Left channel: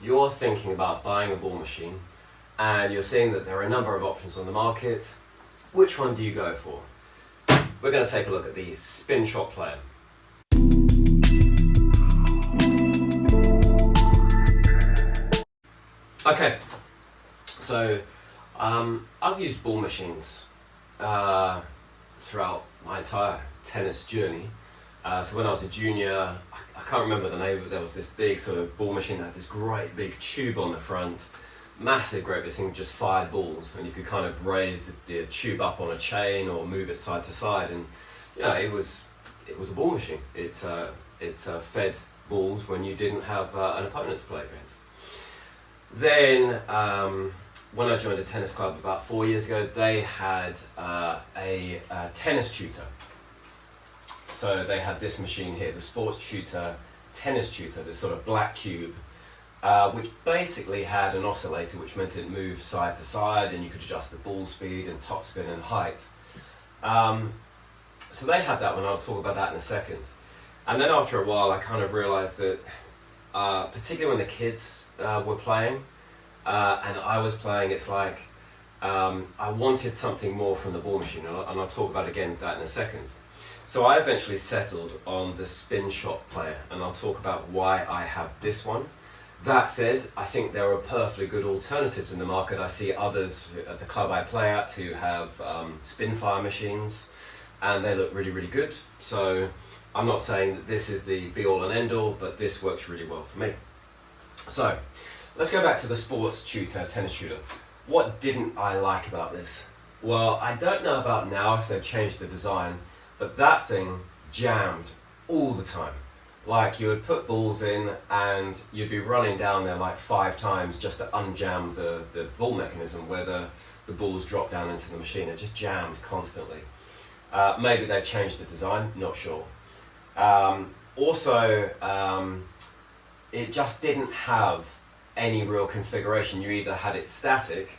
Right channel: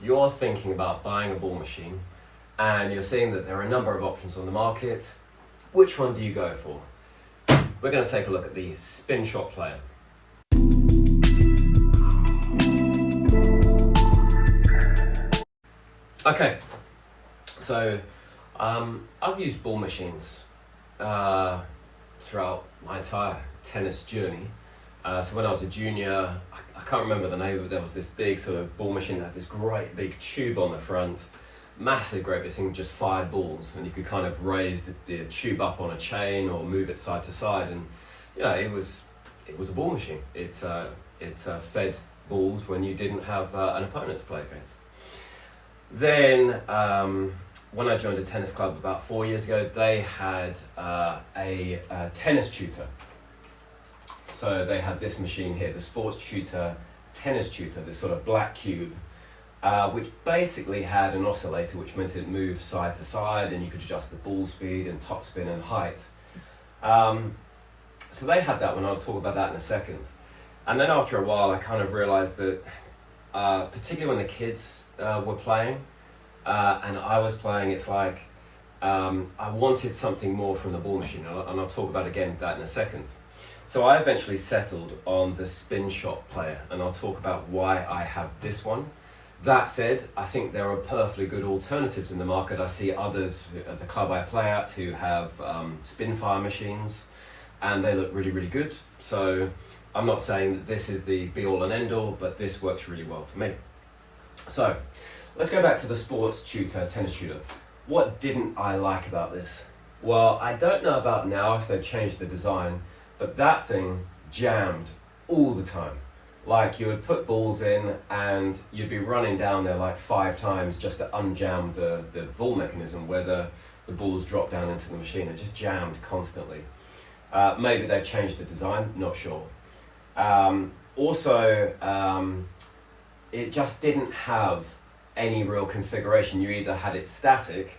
you're thinking about buying a ball machine and you're seeing that there are a number of options on the market, which one do you go for? We're going to take a look at the Spinshot Player. Okay, so I've used ball machines throughout my entire tennis journey. So when I was a junior, I can't remember the name, but there was this big sort of ball machine that had this great big tube on the front, massive great big thing, just fired balls, and you could kind of raise the tube up on a chain or move it side to side, and you know, it was a ball machine. It fed balls when you didn't have an opponent to play against. Then when I joined a tennis club about 4 years ago, they had a tennis tutor. So they had this machine here, the Sports Tutor Tennis Tutor, this sort of black cube, which basically had an oscillator, which meant it moved side to side, and you could adjust the ball speed and topspin and height. So they had that one. I'll talk about that in a second. And then after a while, I kind of realized that, particularly when the kids were playing, and I was playing, it's like I wanted something more from the ball machine, and I'll talk about again that in a second. So I eventually settled on the Spinshot Player, and I'll talk about why I have this one. That said, I think there are perfectly good alternatives in the market. I see others at the club I play at who have Spinfire machines, and they look really, really good. So I'm not saying that this is the be-all and end-all, but this works really well for me. So let's go back to the Sports Tutor Tennis Tutor. What didn't I like about this? Well, I don't know about now if they've changed the design, but that thing jammed all the time. Like, you would put balls in and you'd be running down there like 5 times just to unjam the ball mechanism where the balls drop down into the machine. It just jammed constantly. Maybe they've changed the design, not sure. Also, it just didn't have any real configuration. You either had it static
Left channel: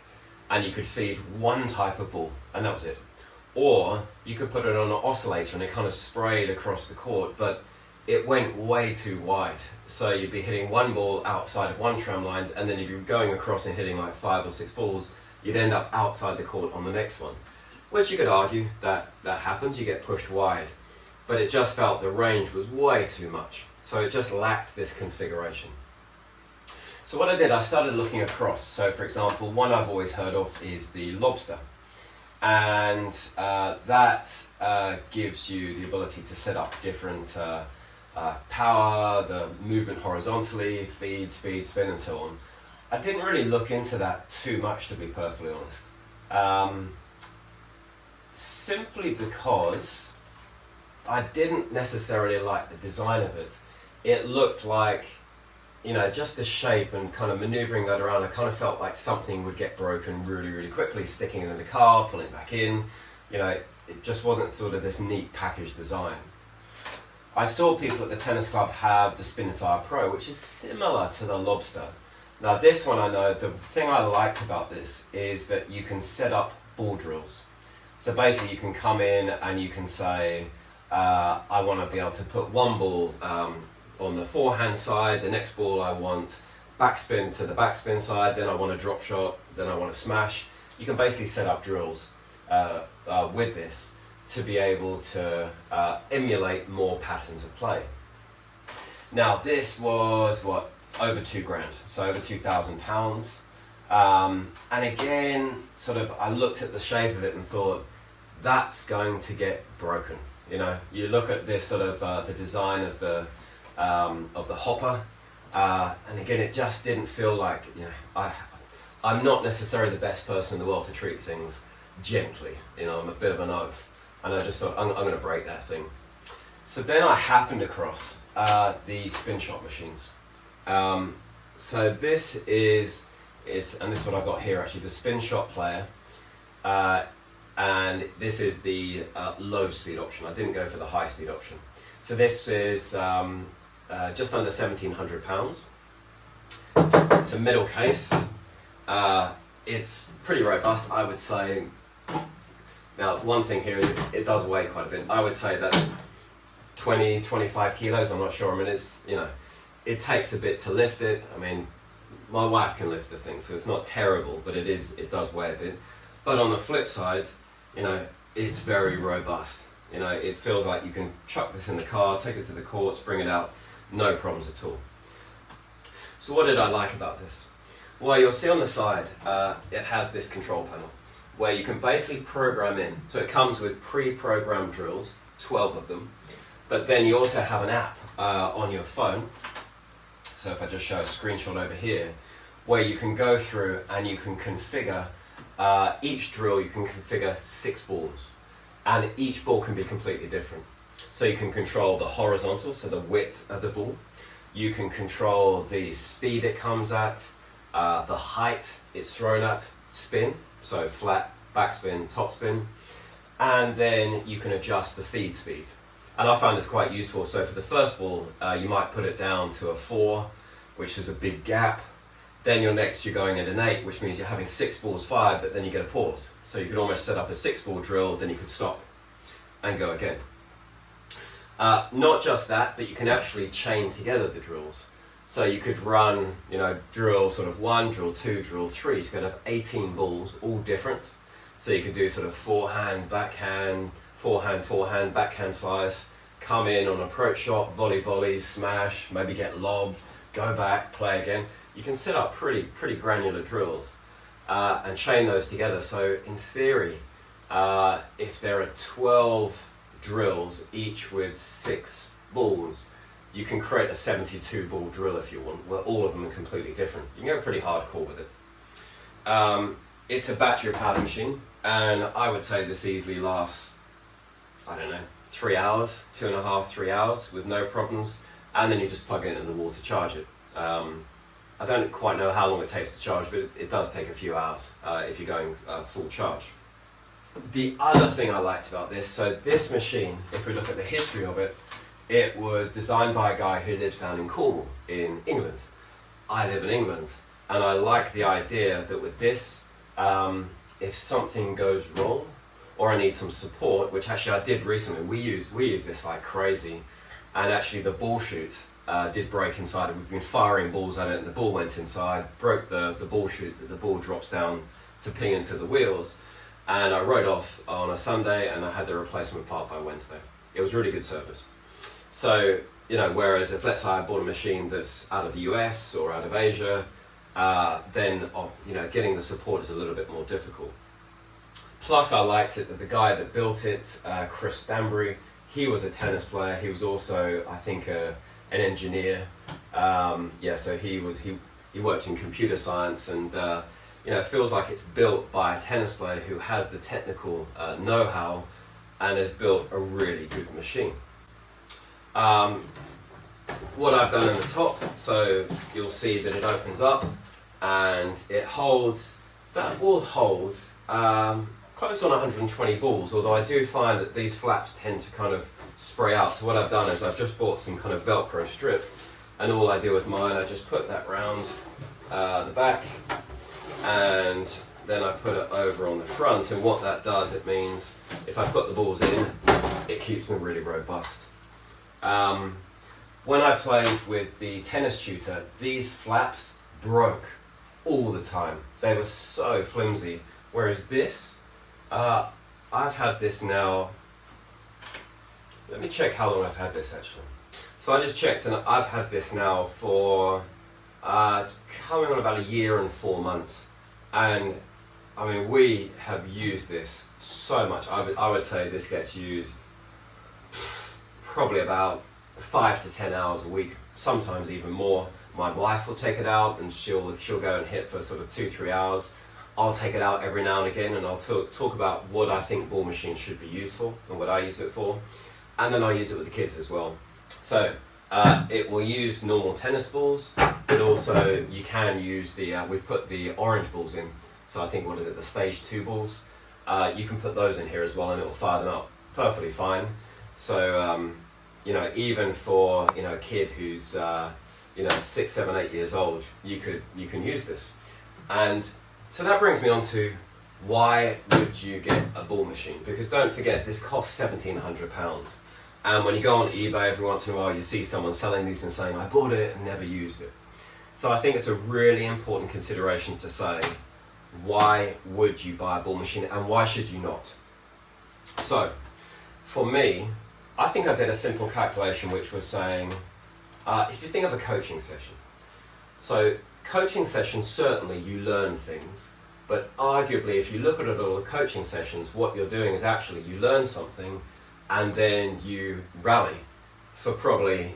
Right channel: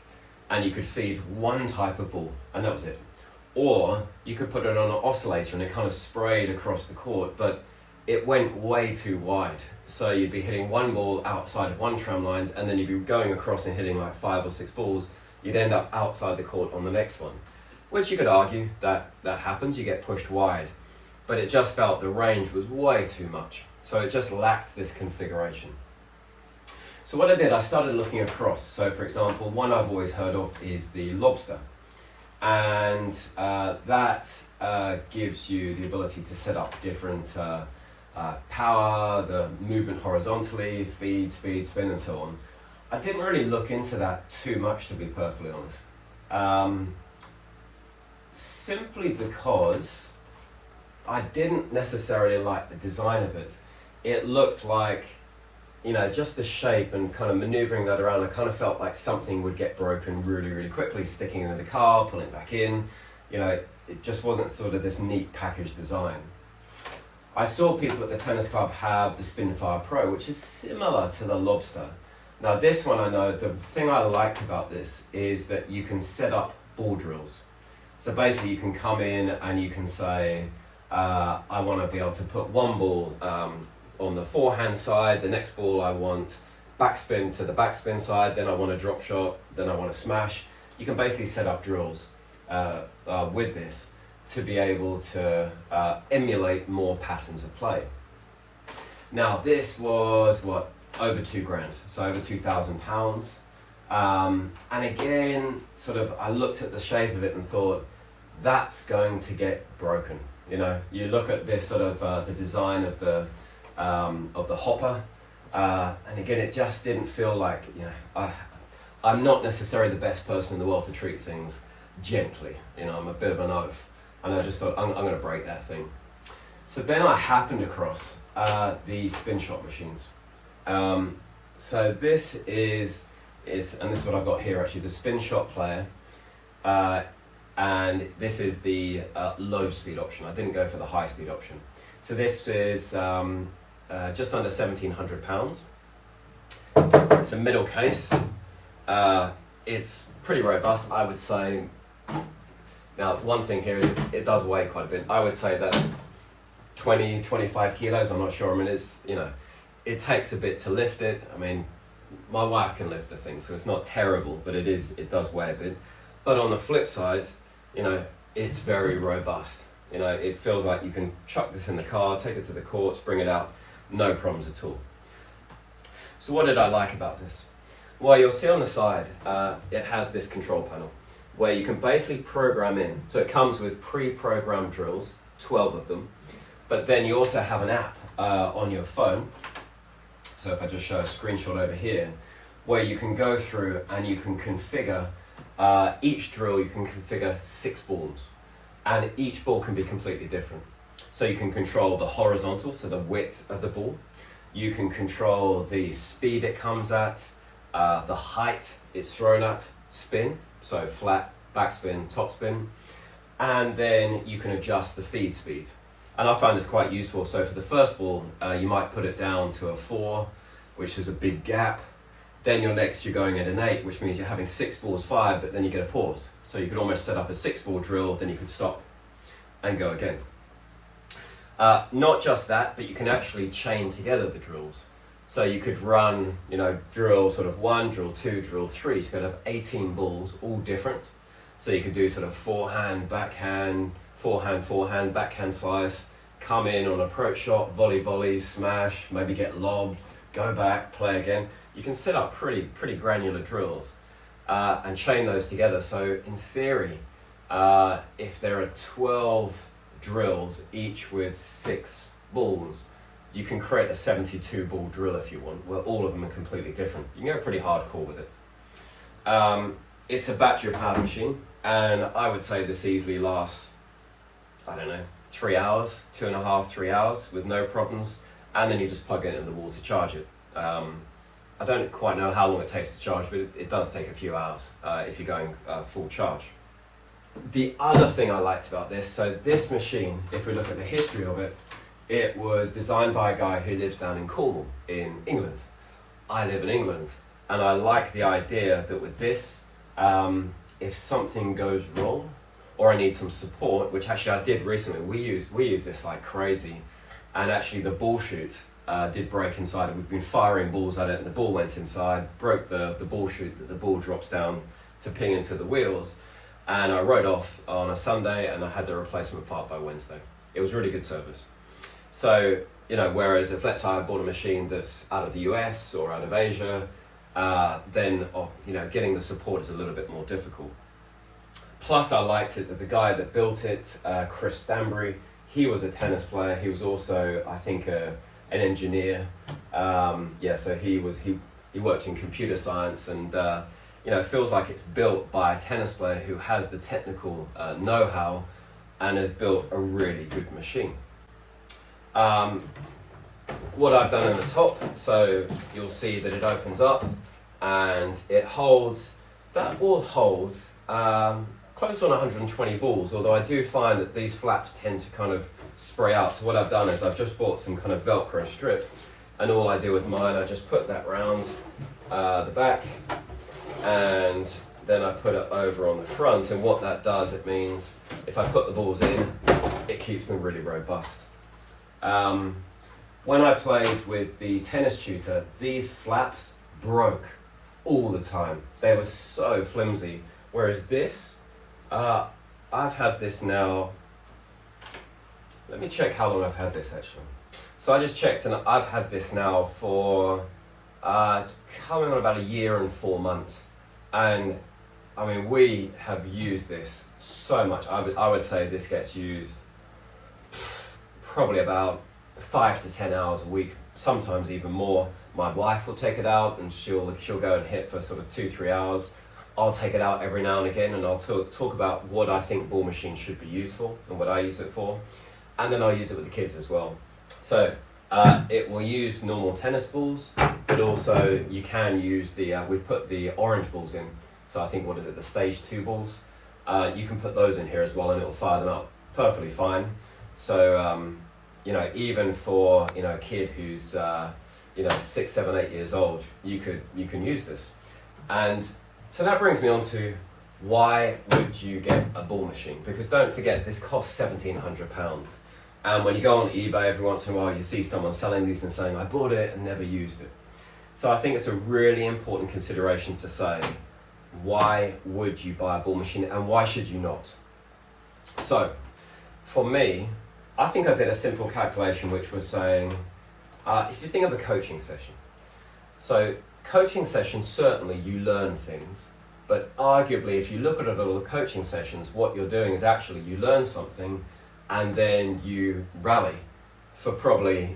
and you could feed one type of ball and that was it. Or you could put it on an oscillator and it kind of sprayed across the court, but it went way too wide. So you'd be hitting one ball outside of one tram lines, and then you'd be going across and hitting like 5 or 6 balls. You'd end up outside the court on the next one, which you could argue that happens, you get pushed wide. But it just felt the range was way too much. So it just lacked this configuration. So what I did, I started looking across. So for example, one I've always heard of is the Lobster. And that gives you the ability to set up different power, the movement horizontally, feed, speed, spin, and so on. I didn't really look into that too much, to be perfectly honest. Simply because I didn't necessarily like the design of it. It looked like, you know, just the shape and kind of maneuvering that around, I kind of felt like something would get broken really, really quickly, sticking into the car, pulling it back in. You know, it just wasn't sort of this neat packaged design. I saw people at the tennis club have the Spinfire Pro, which is similar to the Lobster. Now this one, I know, the thing I liked about this is that you can set up ball drills. So basically you can come in and you can say, I want to be able to put one ball on the forehand side, the next ball I want backspin to the backspin side, then I want a drop shot, then I want to smash. You can basically set up drills with this to be able to emulate more patterns of play. Now this was what, over $2,000, so over £2,000. And again, sort of, I looked at the shape of it and thought, that's going to get broken. You know, you look at this sort of the design of the hopper, and again, it just didn't feel like, you know, I'm not necessarily the best person in the world to treat things gently. You know, I'm a bit of an oaf, and I just thought, I'm going to break that thing. So then I happened across the Spinshot machines. So this is, and this is what I've got here actually, the Spinshot Player, and this is the low speed option. I didn't go for the high speed option. So this is just under £1,700. It's a middle case. It's pretty robust, I would say. Now, one thing here is it does weigh quite a bit. I would say that's 20, 25 kilos. I'm not sure. I mean, it's, you know, it takes a bit to lift it. I mean, my wife can lift the thing, so it's not terrible, but it does weigh a bit. But on the flip side, you know, it's very robust. You know, it feels like you can chuck this in the car, take it to the courts, bring it out, no problems at all. So what did I like about this? Well, you'll see on the side, it has this control panel where you can basically program in. So it comes with pre-programmed drills, 12 of them, but then you also have an app on your phone. So if I just show a screenshot over here, where you can go through and you can configure each drill, you can configure 6 balls, and each ball can be completely different. So you can control the horizontal, so the width of the ball. You can control the speed it comes at, the height it's thrown at, spin, so flat, backspin, topspin, and then you can adjust the feed speed. And I found this quite useful. So for the first ball, you might put it down to a 4, which is a big gap. Then you're going at an 8, which means you're having 6 balls fired, but then you get a pause. So you could almost set up a 6-ball drill, then you could stop and go again. Not just that, but you can actually chain together the drills. So you could run, you know, drill sort of 1, drill 2, drill 3. So you could have 18 balls, all different. So you could do sort of forehand, backhand, forehand, backhand slice, come in on approach shot, volley, smash, maybe get lobbed, go back, play again. You can set up pretty granular drills and chain those together. So in theory, if there are 12 drills, each with 6 balls, you can create a 72-ball drill if you want, where all of them are completely different. You can go pretty hardcore with it. It's a battery-powered machine, and I would say this easily lasts, I don't know, 3 hours, 2.5, 3 hours with no problems, and then you just plug it into the wall to charge it. I don't quite know how long it takes to charge, but it does take a few hours if you're going full charge. The other thing I liked about this, so this machine, if we look at the history of it, it was designed by a guy who lives down in Cornwall in England. I live in England, and I like the idea that with this, if something goes wrong, or I need some support, which actually I did recently, we use this like crazy, and actually the ball chute did break inside. We've been firing balls at it, and the ball went inside, broke the ball chute, that the ball drops down to ping into the wheels, and I rode off on a Sunday, and I had the replacement part by Wednesday. It was really good service. So, you know, whereas if let's say I bought a machine that's out of the US or out of Asia, then you know, getting the support is a little bit more difficult. Plus I liked it that the guy that built it, Chris Stanbury, he was a tennis player. He was also, I think, an engineer. So he worked in computer science, and you know, it feels like it's built by a tennis player who has the technical know-how and has built a really good machine. What I've done in the top, so you'll see that it opens up and it holds, that will hold close on 120 balls, although I do find that these flaps tend to kind of spray out. So what I've done is I've just bought some kind of Velcro strip, and all I do with mine, I just put that round the back, and then I put it over on the front, and what that does, it means if I put the balls in, it keeps them really robust. When I played with the tennis tutor, these flaps broke all the time. They were so flimsy, whereas this, I've had this now, let me check how long I've had this actually. So I just checked, and I've had this now for coming on about 1 year and 4 months, and I mean, we have used this so much. I would say this gets used probably about 5 to 10 hours a week, sometimes even more. My wife will take it out, and she'll go and hit for sort of 2-3 hours. I'll take it out every now and again, and I'll talk about what I think ball machines should be used for and what I use it for, and then I'll use it with the kids as well. So it will use normal tennis balls, but also you can use the we put the orange balls in. So I think, what is it, the stage 2 balls? You can put those in here as well, and it'll fire them up perfectly fine. So you know, even for, you know, a kid who's you know, 6, 7, 8 years old, you can use this. And so that brings me on to, why would you get a ball machine? Because don't forget, this costs £1,700. And when you go on eBay every once in a while, you see someone selling these and saying, I bought it and never used it. So I think it's a really important consideration to say, why would you buy a ball machine and why should you not? So for me, I think I did a simple calculation which was saying, if you think of a coaching session, so coaching sessions, certainly you learn things, but arguably if you look at a lot of coaching sessions, what you're doing is actually you learn something and then you rally for probably,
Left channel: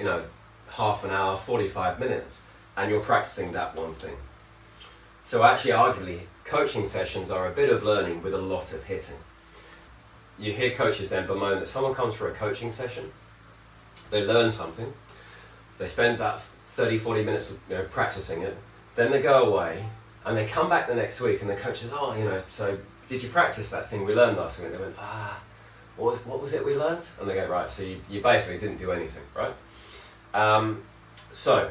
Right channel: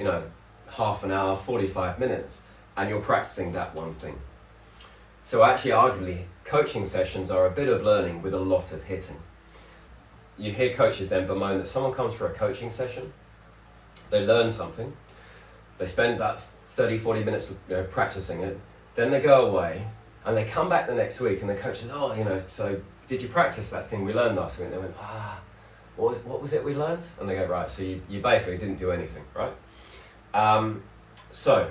half an hour, 45 minutes, and you're practicing that one thing. So actually, arguably, coaching sessions are a bit of learning with a lot of hitting. You hear coaches then bemoan that someone comes for a coaching session, they learn something, they spend about 30, 40 minutes practicing it, then they go away, and they come back the next week, and the coach says, so did you practice that thing we learned last week? And they went, what was it we learned? And they go, right, so you basically didn't do anything, right? So,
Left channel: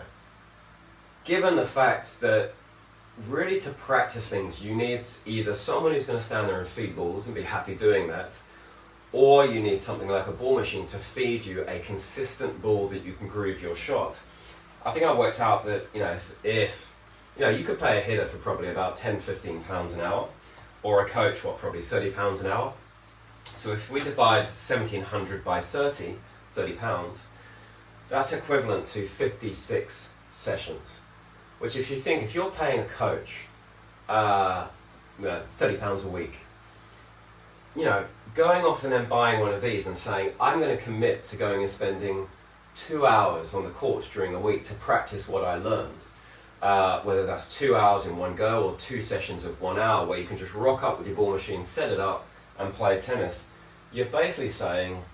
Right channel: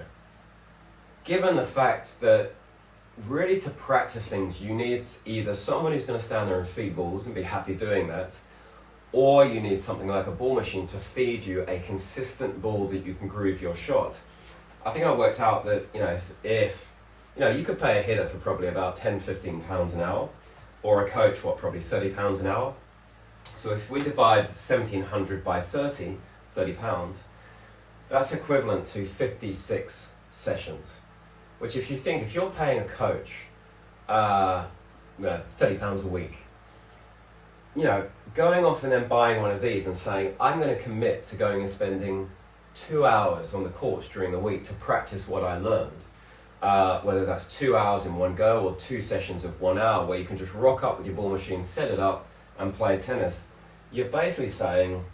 given the fact that really to practice things, you need either someone who's going to stand there and feed balls and be happy doing that, or you need something like a ball machine to feed you a consistent ball that you can groove your shot. I think I worked out that, if you could pay a hitter for probably about 10, 15 pounds an hour, or a coach, probably 30 pounds an hour. So if we divide 1,700 by 30 pounds, that's equivalent to 56 sessions. Which if you're paying a coach, 30 pounds a week, going off and then buying one of these and saying, I'm going to commit to going and spending 2 hours on the courts during the week to practice what I learned, whether that's 2 hours in one go or 2 sessions of 1 hour where you can just rock up with your ball machine, set it up and play tennis, you're basically saying,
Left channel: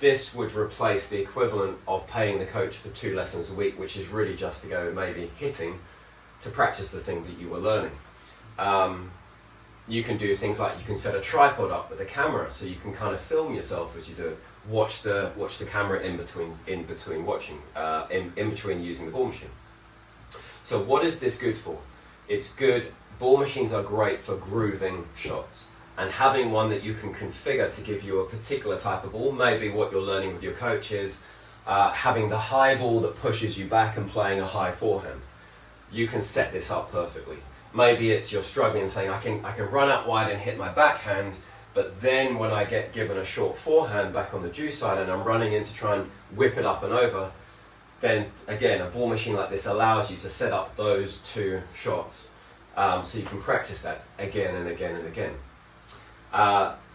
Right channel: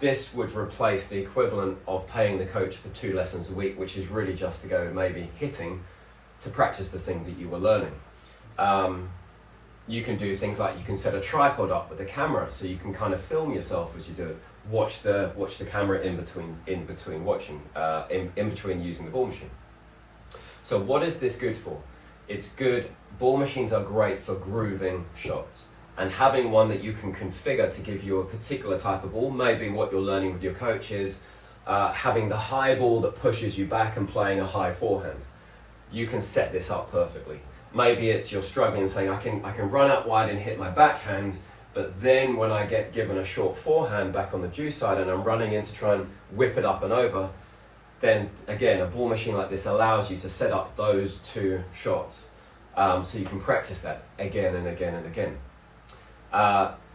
this would replace the equivalent of paying the coach for 2 lessons a week, which is really just to go maybe hitting to practice the thing that you were learning. You can do things like you can set a tripod up with a camera so you can kind of film yourself as you do it. Watch the camera in between watching, in between using the ball machine. So what is this good for? It's good. Ball machines are great for grooving shots. And having one that you can configure to give you a particular type of ball, maybe what you're learning with your coach is having the high ball that pushes you back and playing a high forehand. You can set this up perfectly. Maybe it's you're struggling and saying, I can run out wide and hit my backhand, but then when I get given a short forehand back on the due side and I'm running in to try and whip it up and over, then again, a ball machine like this allows you to set up those 2 shots. So you can practice that again and again and again.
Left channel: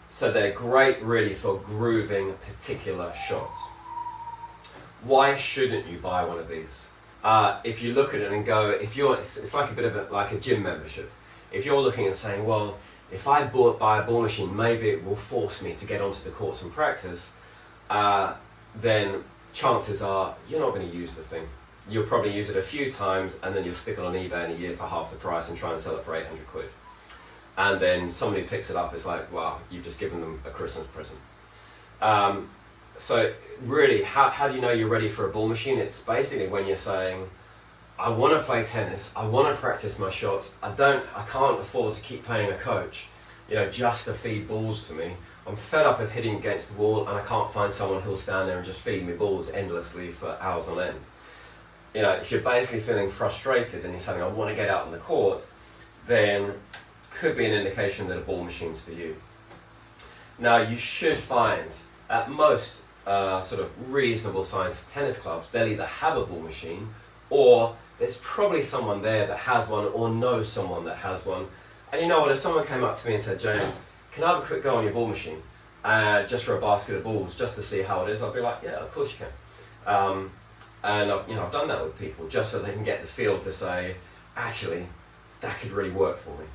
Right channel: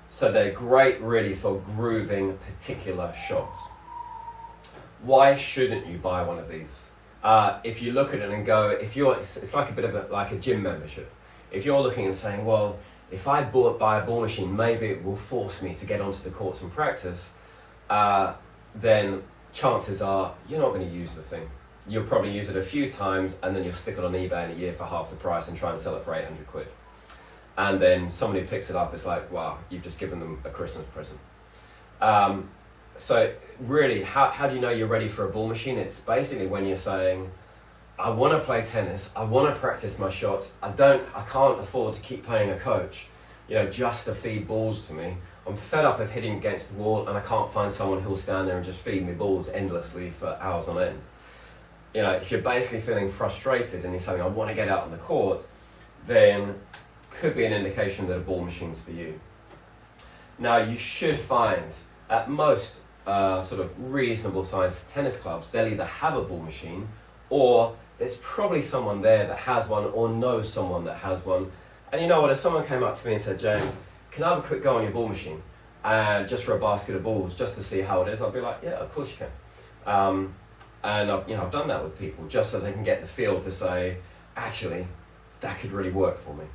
So they're great really for grooving particular shots. Why shouldn't you buy one of these? If you look at it and go, it's like a bit of like a gym membership. If you're looking and saying, well, if I buy a ball machine, maybe it will force me to get onto the courts and practice, then chances are you're not going to use the thing. You'll probably use it a few times and then you'll stick it on eBay in a year for half the price and try and sell it for 800 quid. And then somebody picks it up, it's like, wow, you've just given them a Christmas present. So really, how do you know you're ready for a ball machine? It's basically when you're saying, I want to play tennis, I want to practice my shots, I can't afford to keep paying a coach, just to feed balls to me. I'm fed up of hitting against the wall and I can't find someone who'll stand there and just feed me balls endlessly for hours on end. If you're basically feeling frustrated and you're saying, I want to get out on the court, then could be an indication that a ball machine's for you. Now you should find at most sort of reasonable sized tennis clubs, they'll either have a ball machine or there's probably someone there that has one or knows someone that has one. And you know what, if someone came up to me and said, James, can I have a quick go on your ball machine just for a basket of balls just to see how it is, I'd be like, yeah, of course you can. And I've done that with people just so they can get the feel to say, actually, that could really work for me.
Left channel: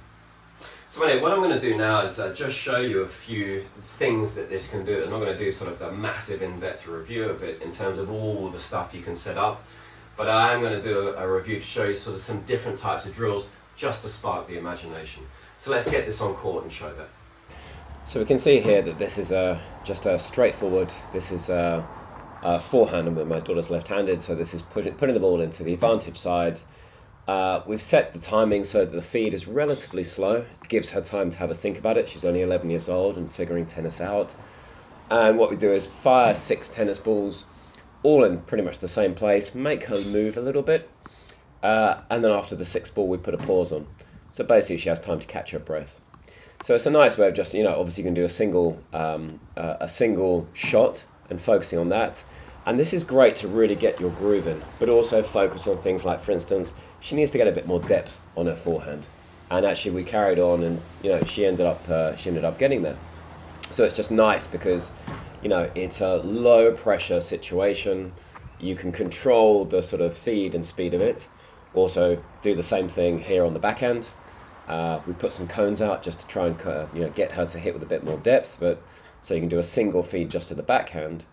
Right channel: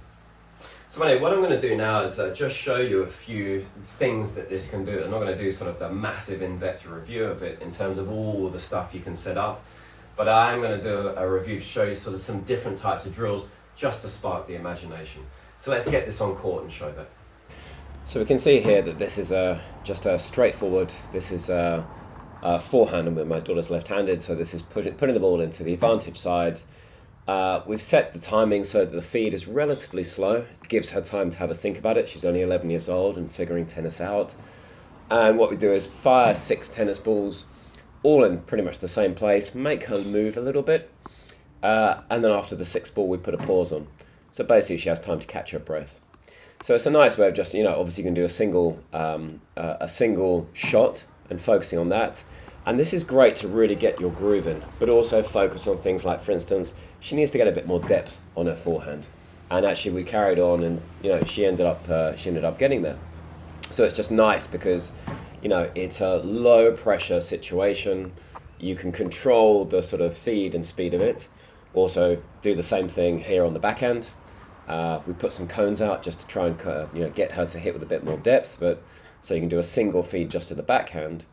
So anyway, what I'm going to do now is just show you a few things that this can do. I'm not going to do sort of a massive in-depth review of it in terms of all the stuff you can set up, but I am going to do a review to show you sort of some different types of drills just to spark the imagination. So let's get this on court and show that. So we can see here that this is just a straightforward, this is a forehand, but my daughter's left-handed, so this is putting the ball into the advantage side. We've set the timing so that the feed is relatively slow. It gives her time to have a think about it. She's only 11 years old and figuring tennis out. And what we do is fire 6 tennis balls, all in pretty much the same place, make her move a little bit, And then after the sixth ball, we put a pause on. So basically, she has time to catch her breath. So it's a nice way of just, obviously you can do a single shot and focusing on that. And this is great to really get your groove in, but also focus on things like, for instance, she needs to get a bit more depth on her forehand. And actually we carried on and, she ended up getting there. So it's just nice because, it's a low pressure situation. You can control the sort of feed and speed of it. Also do the same thing here on the backhand. We put some cones out just to try and get her to hit with a bit more depth, but so you can do a single feed just to the backhand.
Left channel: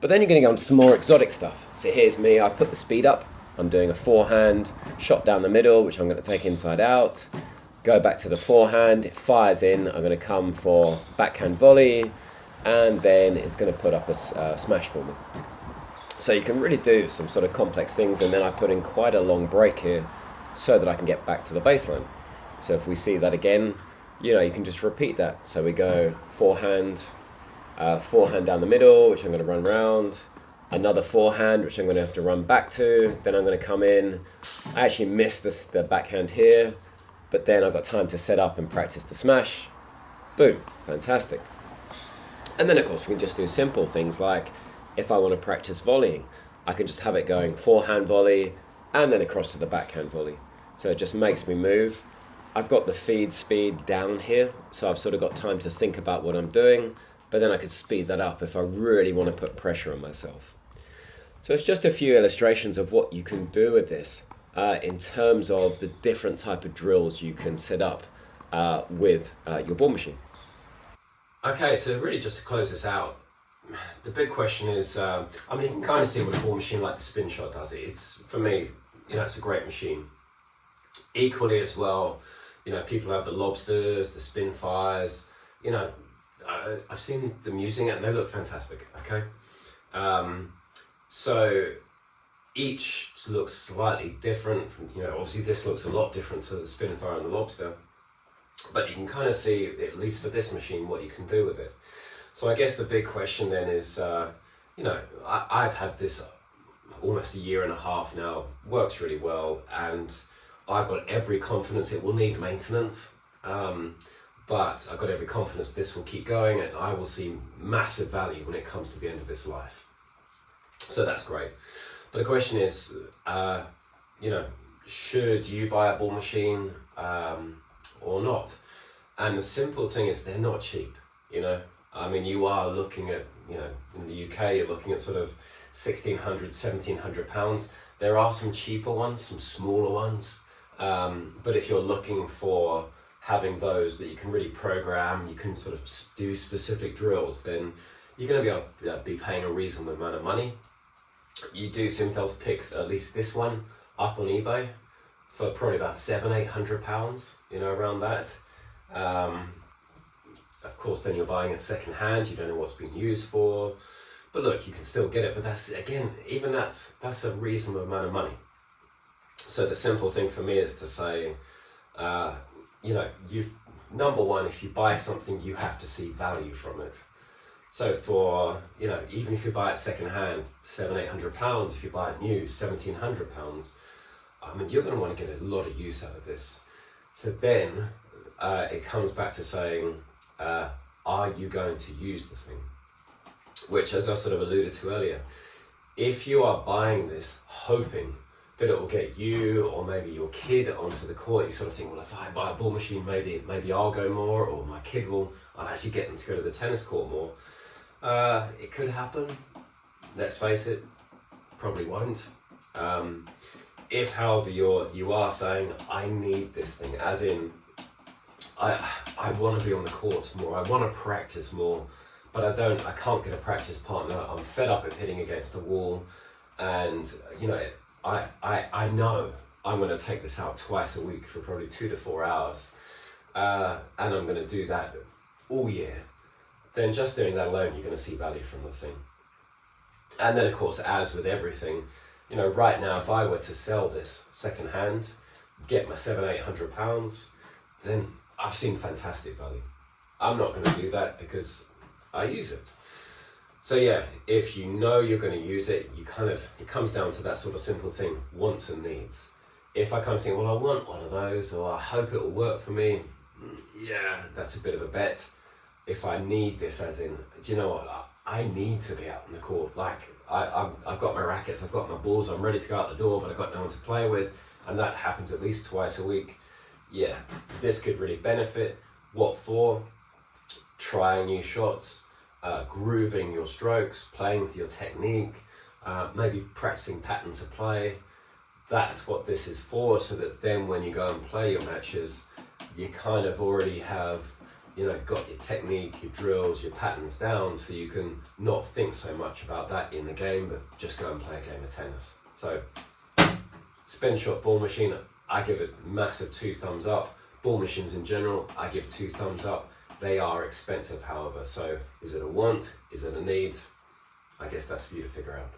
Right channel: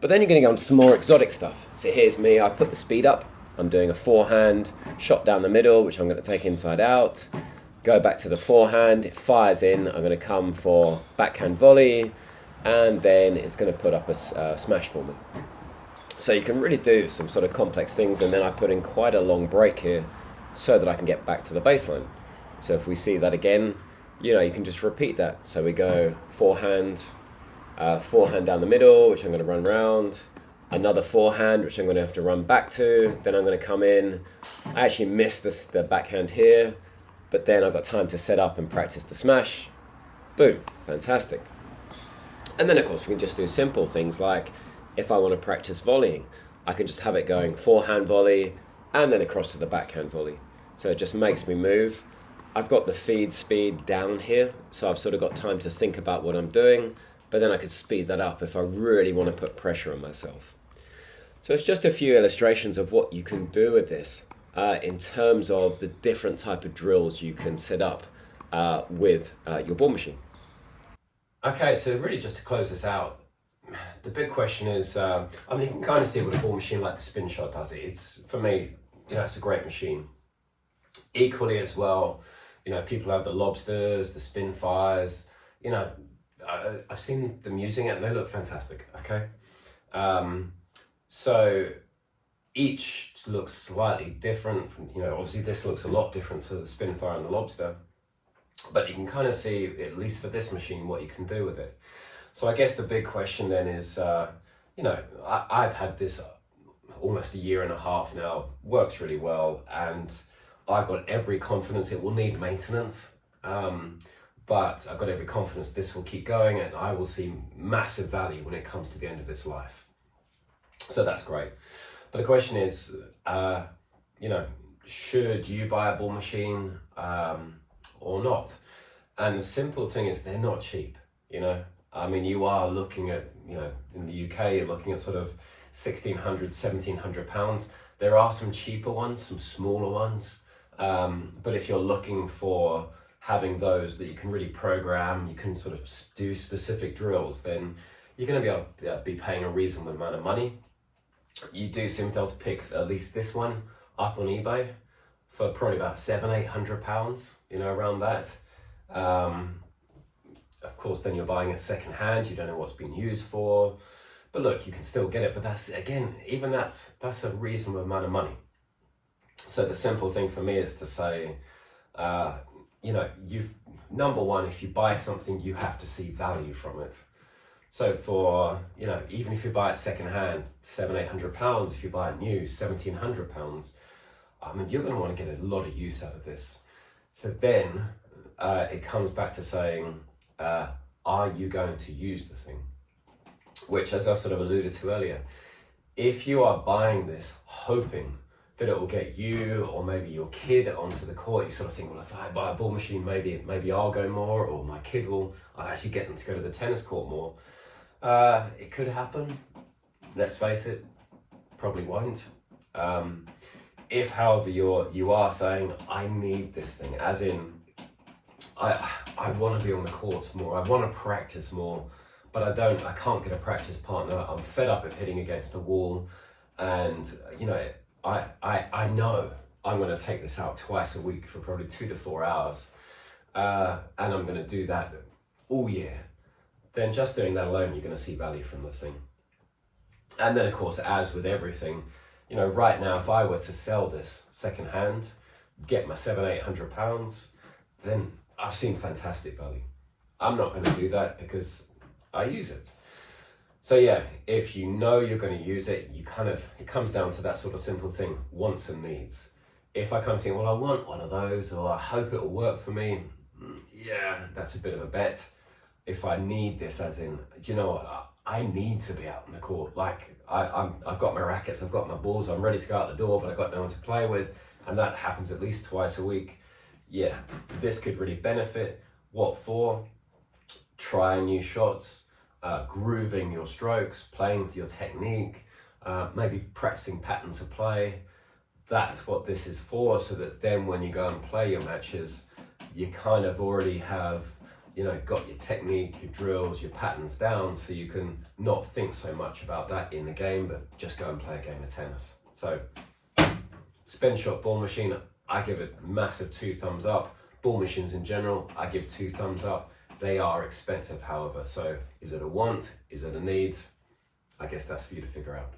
But then you're going to go on to some more exotic stuff. So here's me, I put the speed up, I'm doing a forehand, shot down the middle, which I'm going to take inside out, go back to the forehand, it fires in, I'm going to come for backhand volley, and then it's going to put up a smash for me. So you can really do some sort of complex things, and then I put in quite a long break here so that I can get back to the baseline. So if we see that again, you can just repeat that. So we go forehand down the middle, which I'm going to run round, another forehand, which I'm going to have to run back to, then I'm going to come in. I actually missed the backhand here, but then I've got time to set up and practice the smash. Boom, fantastic. And then of course we can just do simple things like, if I want to practice volleying, I can just have it going forehand volley and then across to the backhand volley. So it just makes me move. I've got the feed speed down here, so I've sort of got time to think about what I'm doing, but then I could speed that up if I really want to put pressure on myself. So it's just a few illustrations of what you can do with this in terms of the different type of drills you can set up with your ball machine. Okay, so really just to close this out, the big question is, you can kind of see what a ball machine like the Spinshot does. It's, for me, it's a great machine. Equally as well, people have the Lobsters, the Spinfires, I've seen them using it and they look fantastic, okay? So each looks slightly different. Obviously this looks a lot different to the Spinfire and the Lobster, but you can kind of see, at least for this machine, what you can do with it. So I guess the big question then is, I've had this almost a year and a half now, works really well, and I've got every confidence it will need maintenance, but I've got every confidence this will keep going and I will see massive value when it comes to the end of its life. So that's great. But the question is, should you buy a ball machine or not? And the simple thing is they're not cheap, you are looking at, in the UK, you're looking at sort of £1,600, £1,700. There are some cheaper ones, some smaller ones. But if you're looking for having those that you can really program, you can sort of do specific drills, then you're going to be paying a reasonable amount of money. You do seem to be able to pick at least this one up on eBay for probably about £700-800, around that. Of course, then you're buying it second hand, you don't know what's been used for. But look, you can still get it, but that's a reasonable amount of money. So the simple thing for me is to say, number one, if you buy something, you have to see value from it. So for, even if you buy it second hand, £700-800, if you buy it new, £1,700, you're going to want to get a lot of use out of this. So then it comes back to saying, are you going to use the thing? Which, as I sort of alluded to earlier, if you are buying this hoping that it will get you or maybe your kid onto the court, you sort of think, well, if I buy a ball machine, maybe I'll go more, or my kid I'll actually get them to go to the tennis court more. It could happen. Let's face it, probably won't. If, however, you are saying, I need this thing, as in, I want to be on the court more, I want to practice more, but I can't get a practice partner. I'm fed up of hitting against the wall, and I know I'm going to take this out twice a week for probably 2 to 4 hours, and I'm going to do that all year. Then just doing that alone, you're going to see value from the thing. And then, of course, as with everything, right now, if I were to sell this second hand, get my £700-800, then I've seen fantastic value. I'm not going to do that because I use it. So yeah, if you know you're going to use it, it comes down to that sort of simple thing, wants and needs. If I kind of think, well, I want one of those, or I hope it'll work for me, yeah, that's a bit of a bet. If I need this, as in, do you know what, I need to be out on the court. Like, I've got my rackets, I've got my balls, I'm ready to go out the door, but I've got no one to play with, and that happens at least twice a week. Yeah, this could really benefit. What for? Trying new shots, grooving your strokes, playing with your technique, maybe practicing patterns of play. That's what this is for, so that then when you go and play your matches, you kind of already have, you know, got your technique, your drills, your patterns down, so you can not think so much about that in the game, but just go and play a game of tennis. So, Spinshot ball machine, I give it massive 2 thumbs up. Ball machines in general, I give 2 thumbs up. They are expensive, however, so is it a want? Is it a need? I guess that's for you to figure out.